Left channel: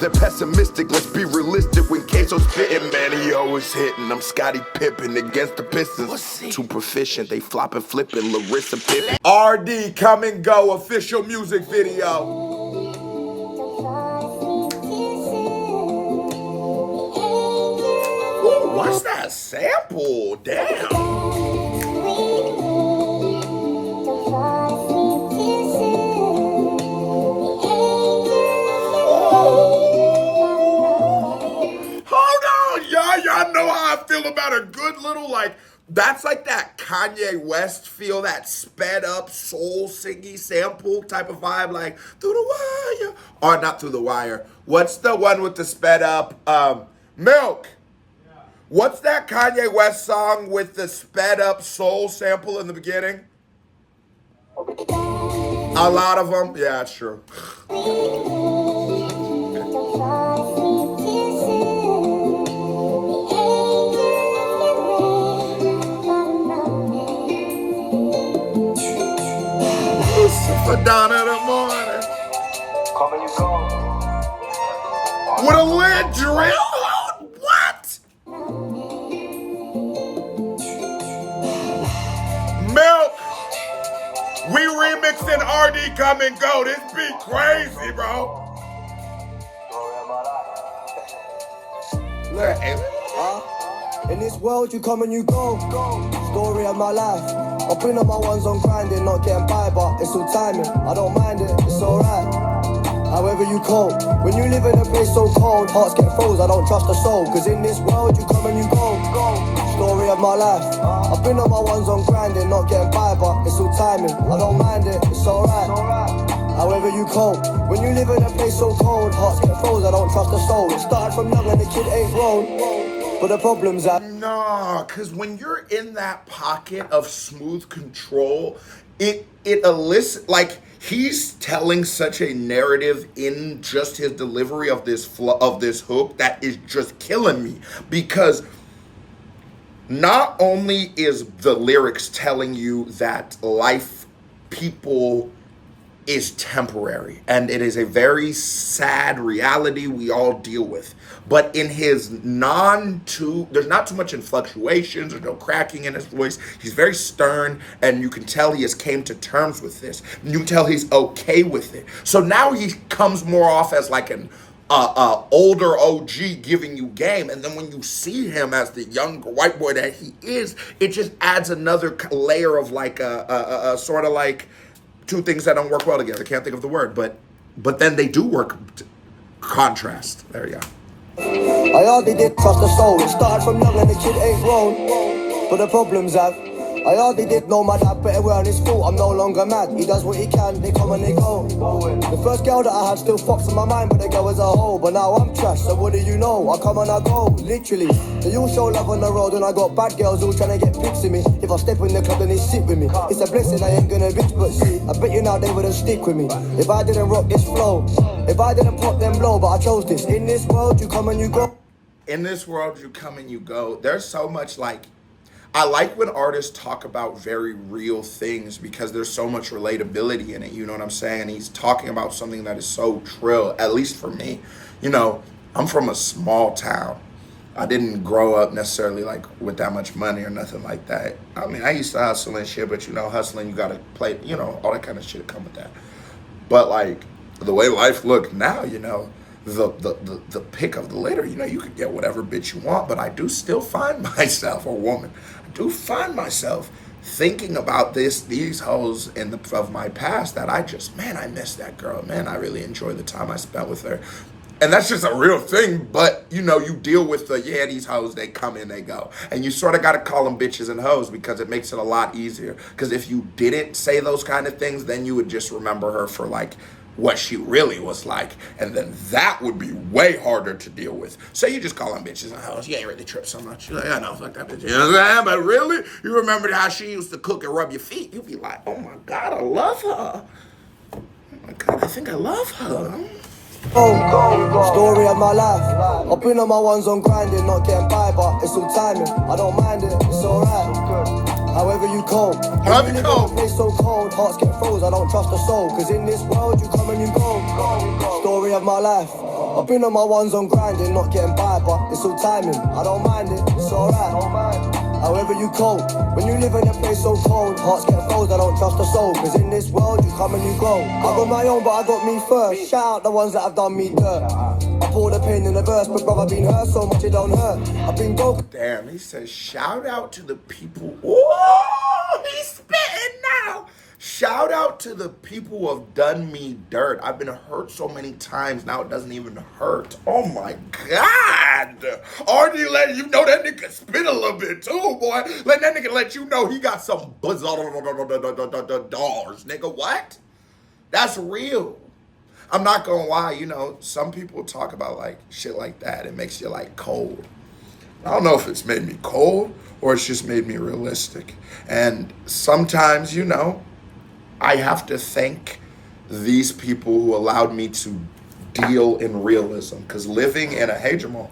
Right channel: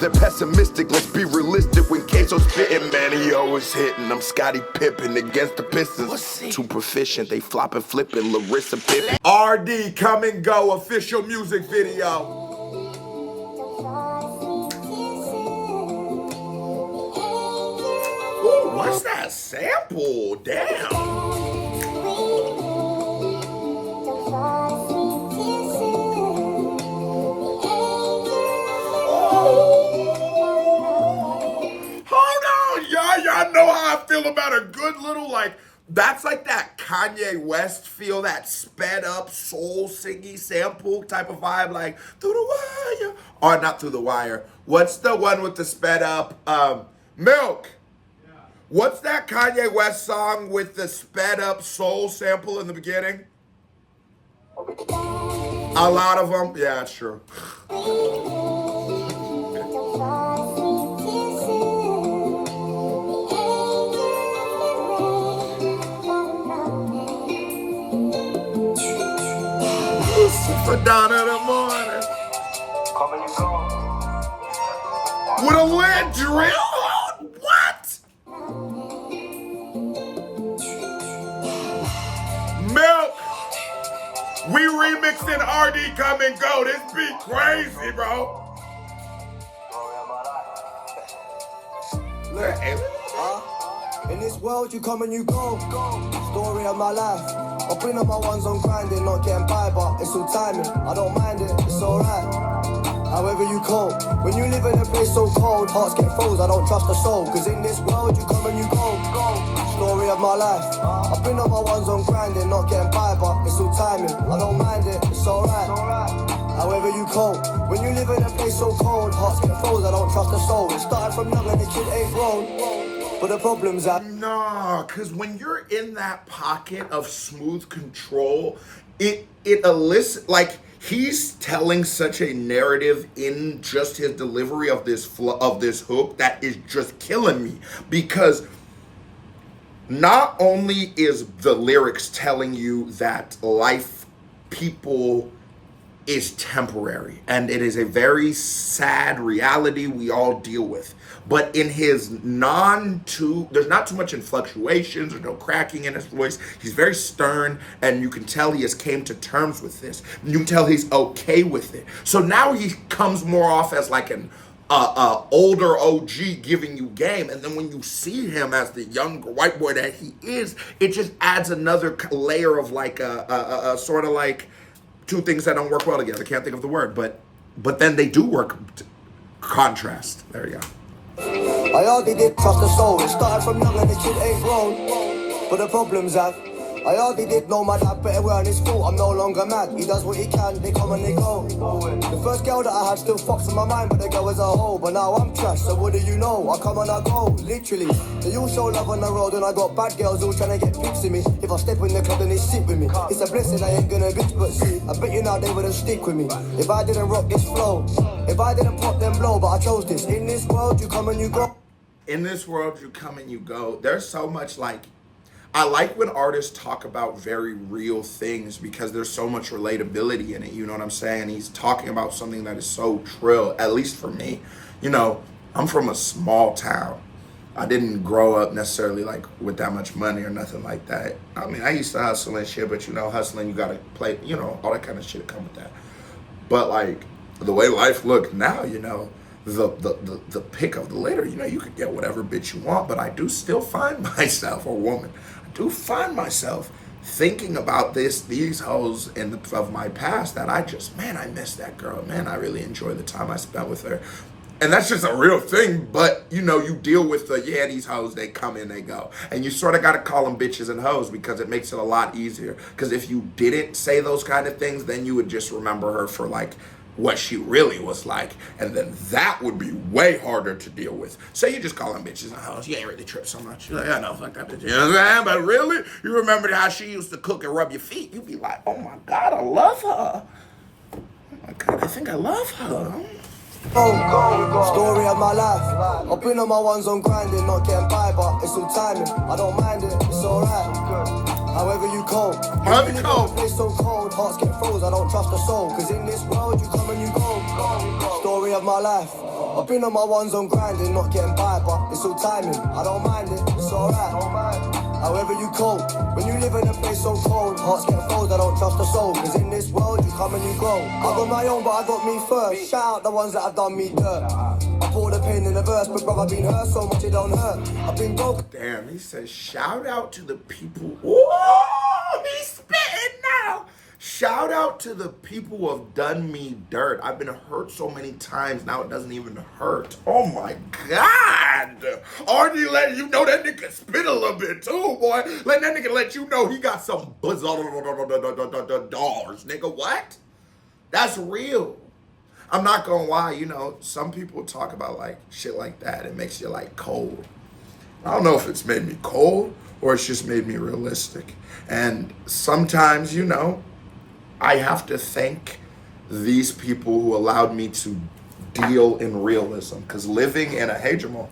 They're pessimistic, let's be realistic. When Queso's spitting, man, he always hitting. I'm Scottie Pippen against the Pistons. Too proficient, they flopping, flipping. Larissa Pippen. ArrDee, Come and Go official music video. Ooh, what's that sample? Damn. Y'all know how I feel about a good little, like, that's like that Kanye West feel, that sped up soul singy sample type of vibe, like Through the Wire, or not Through the Wire. What's the one with the sped up, Milk? What's that Kanye West song with the sped up soul sample in the beginning? A lot of them, yeah, it's true. For dawn in the morning with a lead drill. What? Milk. We remixing ArrDee Come and Go. This beat crazy, bro. In this world, you come and you go. Story of my life. I've been on my ones on grinding, not getting by, but it's all timing. I don't mind it, it's alright. However you cope. When you live in a place so cold, hearts get froze, I don't trust a soul. Cause in this world, you come and you go. Story of my life. I've been on my ones on grinding, not getting by, but it's all timing. I don't mind it, it's alright. However you cope. When you live in a place so cold, hearts get froze, I don't trust a soul. It started from young and the kid ain't grown. But the problem's that no, because when you're in that pocket of smooth control, it elicits, like, he's telling such a narrative in just his delivery of this hook that is just killing me. Because not only is the lyrics telling you that life, people, is temporary, and it is a very sad reality we all deal with. But in his there's not too much in fluctuations or no cracking in his voice. He's very stern, and you can tell he has came to terms with this. You can tell he's okay with it. So now he comes more off as like an older OG giving you game, and then when you see him as the young white boy that he is, it just adds another layer of like a sort of like two things that don't work well together. Can't think of the word, but then they do work. Contrast. There you go. I hardly did trust the soul. It started from young and the kid ain't grown. But the problem's that I hardly did know my dad better well in his school. I'm no longer mad. He does what he can. They come and they go. The first girl that I had still fucks in my mind, but they go as a whole. But now I'm trash. So what do you know? I come and I go. Literally. So you show love on the road, and I got bad girls all trying to get pics of me. If I step in the club, then they sit with me. It's a blessing. I ain't gonna bitch, but see, I bet you now they wouldn't stick with me if I didn't rock this flow. If I didn't pop them blow, but I chose this. In this world, you come and you go. In this world, you come and you go. There's so much, like, I like when artists talk about very real things because there's so much relatability in it, you know what I'm saying? And he's talking about something that is so trill, at least for me. You know, I'm from a small town. I didn't grow up necessarily like with that much money or nothing like that. I mean, I used to hustle and shit, but you know, hustling, you gotta play, you know, all that kind of shit come with that. But like, the way life looked now, you know, the pick of the litter, you know, you could get whatever bitch you want, but I do still find myself, or woman, I do find myself thinking about these hoes of my past that I just, man, I miss that girl. Man, I really enjoy the time I spent with her. And that's just a real thing, but, you know, you deal with these hoes, they come in, they go. And you sort of got to call them bitches and hoes because it makes it a lot easier. Because if you didn't say those kind of things, then you would just remember her for, like, what she really was like, and then that would be way harder to deal with. So you just call them bitches and hoes. You ain't really tripped so much. You're like, I know, fuck that bitch. You know what I'm saying? But really, you remember how she used to cook and rub your feet. You'd be like, oh my God, I love her. Oh my God, I think I love her. Story of my life. I've been on my ones on grinding, not getting by, but it's all timing. I don't mind it, it's alright. However you cope. However you cope. Place so cold, hearts get froze, I don't trust a soul. Cause in this world you come and you go. Story of my life. y'all. I've been on my ones on grinding, not getting by, but it's all timing. I don't mind it, it's alright. However you cope, when you live in a place so cold, hearts get froze, I don't trust a soul. Cause in this world, you come and you go. I got my own, but I got me first. Shout out the ones that have done me dirt. I pour the pain in the verse, but brother, been hurt so much it don't hurt. I've been broken. Damn, he says, shout out to the people. Whoa, he's spitting now. Shout out to the people who have done me dirt. I've been hurt so many times, now it doesn't even hurt. Oh my God. ArrDee let you know that nigga spit a little bit too, boy. Let that nigga let you know he got some dollars, nigga. What? That's real. I'm not gonna lie, you know, some people talk about like shit like that. It makes you like cold. I don't know if it's made me cold or it's just made me realistic. And sometimes, you know, I have to thank these people who allowed me to deal in realism. Because living in a, hey Jamal,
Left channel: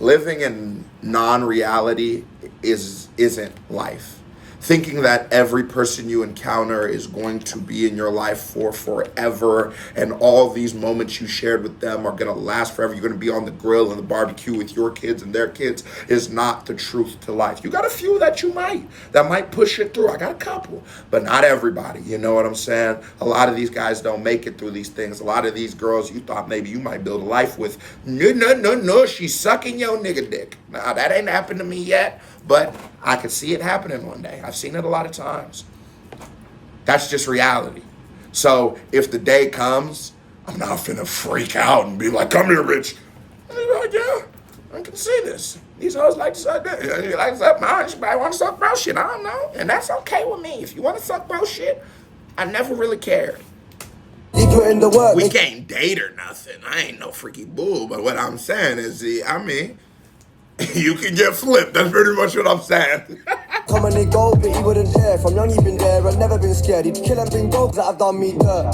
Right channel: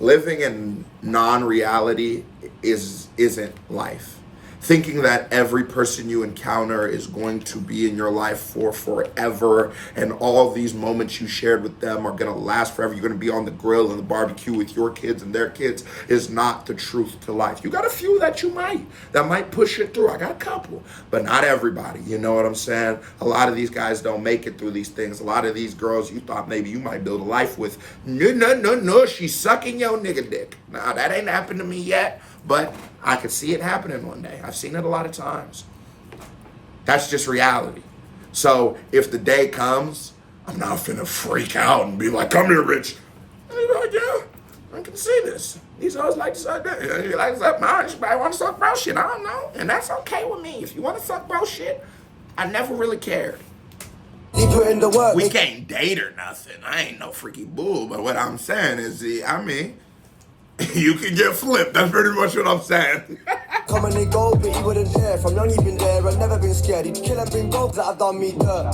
living in non-reality isn't life. Thinking that every person you encounter is going to be in your life for forever and all these moments you shared with them are going to last forever. You're going to be on the grill and the barbecue with your kids and their kids is not the truth to life. You got a few that might push it through. I got a couple, but not everybody. You know what I'm saying? A lot of these guys don't make it through these things. A lot of these girls you thought maybe you might build a life with. No, she's sucking your nigga dick. Nah, that ain't happened to me yet. But I could see it happening one day. I've seen it a lot of times. That's just reality. So if the day comes, I'm not finna freak out and be like, come here, bitch. And you're like, yeah, I can see this. These hoes like to suck dick. You like to suck mine, you might want to suck bro shit. I don't know. And that's okay with me. If you want to suck bro shit, I never really cared. We can't date or nothing. I ain't no freaky bull. But what I'm saying is, you can get flipped. That's pretty much what I'm saying. Come and they go, but he wouldn't dare. From young he been there, I've never been scared. He'd kill and bring dogs that have done me dirt.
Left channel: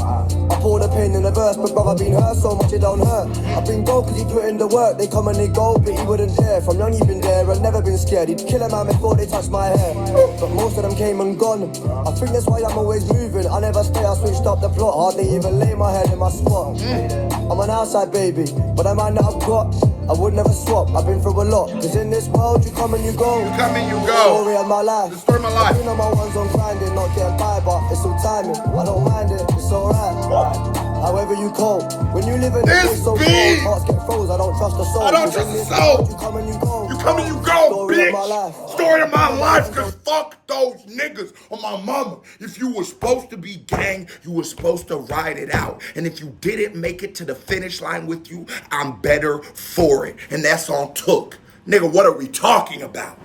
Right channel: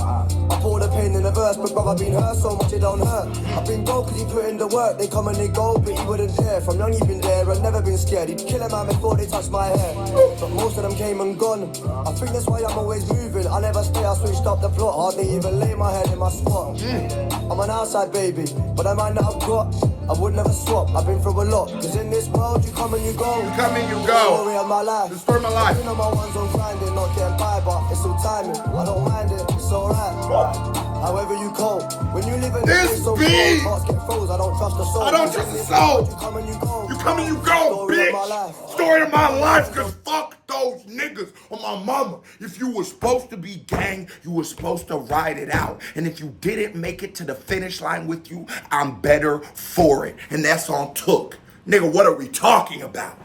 I pour the pain in the verse, but brother been hurt so much it don't hurt. I've been broke cause he put in the work. They come and they go, but he wouldn't dare. From young he been there, I've never been scared. He'd kill a man before they touch my hair. But most of them came and gone. I think that's why I'm always moving. I never stay, I switched up the plot. Hardly even lay my head in my spot. I'm an outside baby, but I might not have got. I would never swap, I've been through a lot. Cause in this world you come and you go. You come and you go. The story of my life. You know my ones on grinding, not getting by, but it's all timing. I don't mind it, it's alright. However you cope, when you live in this so beat, hearts get froze, I don't trust the soul. I don't trust the soul. You come and you go. You come and you go, bitch. Story of my life, cause fuck those niggas on my mama. If you were supposed to be gang, you were supposed to ride it out. And if you didn't make it to the finish line with you, I'm better for it. And that's on took. Nigga, what are we talking about?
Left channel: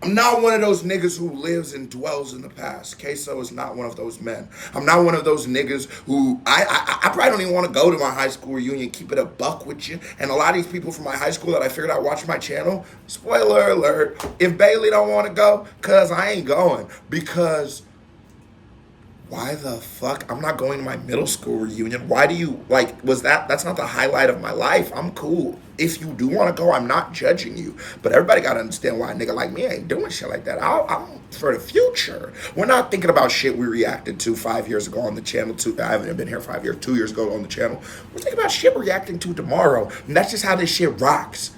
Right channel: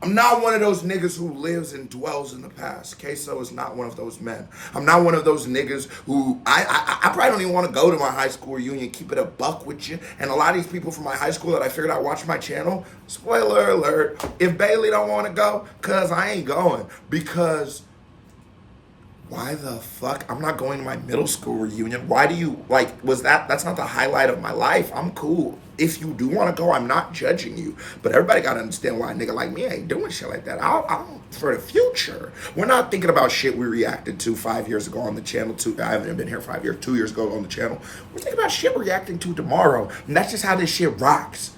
I'm not one of those niggas who lives and dwells in the past. Queso is not one of those men. I'm not one of those niggas who, I probably don't even want to go to my high school reunion, keep it a buck with you. And a lot of these people from my high school that I figured out watching my channel, spoiler alert, if Bailey don't want to go, cause I ain't going. Because why the fuck? I'm not going to my middle school reunion. Why do you, like, that's not the highlight of my life. I'm cool. If you do want to go, I'm not judging you. But everybody got to understand why a nigga like me ain't doing shit like that. I'm for the future. We're not thinking about shit we reacted to 5 years ago on the channel. I haven't been here 5 years, 2 years ago on the channel. We're thinking about shit we're reacting to tomorrow. And that's just how this shit rocks.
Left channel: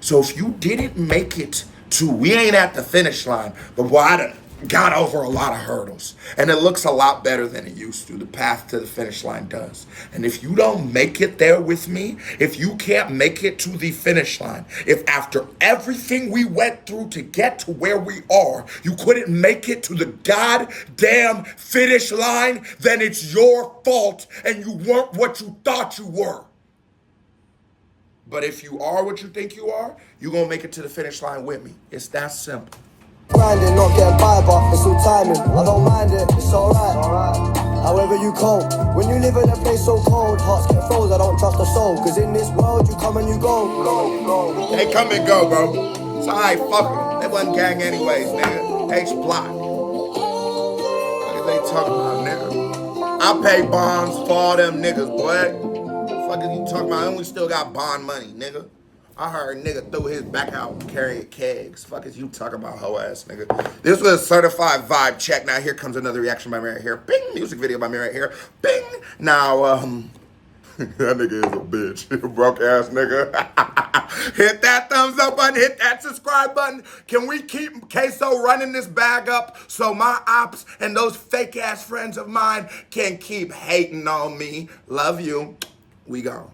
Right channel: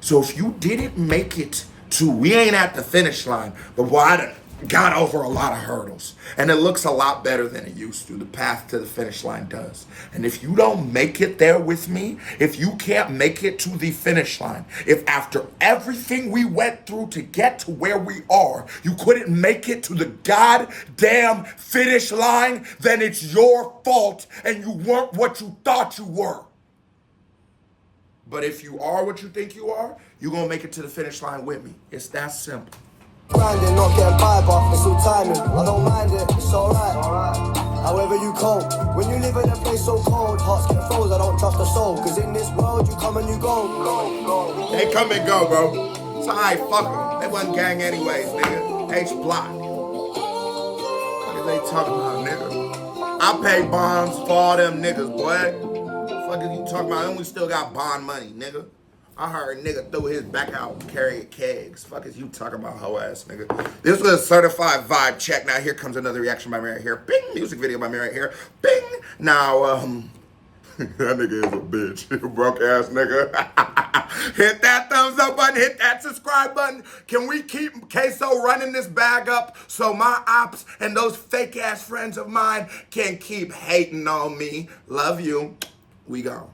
So if you didn't make it to, we ain't at the finish line, but why done got over a lot of hurdles, and it looks a lot better than it used to. The path to the finish line does. And if you don't make it there with me, if you can't make it to the finish line, if after everything we went through to get to where we are, you couldn't make it to the goddamn finish line, then it's your fault and you weren't what you thought you were. But if you are what you think you are, you're gonna make it to the finish line with me. It's that simple. Grinding, not getting by, but it's all timing. I don't mind it, it's alright. However you cope, when you live in a place so cold, hearts get froze, I don't trust the soul. Cause in this world you come and you go. They come and go, bro. It's alright, fuck them. They wasn't gang anyways, nigga. H-block. What are they talking about, nigga? I pay bonds for all them niggas, boy. Fuck is you talking about? And we still got bond money, nigga. I heard a nigga threw his back out carrying kegs. Fuck is you talking about, hoe ass nigga? This was a certified vibe check. Now here comes another reaction by me right here. Bing! Music video by me right here. Bing! Now, That nigga is a bitch. Broke ass nigga. Hit that thumbs up button. Hit that subscribe button. Can we keep Queso running this bag up so my ops and those fake ass friends of mine can keep hating on me? Love you. We gone.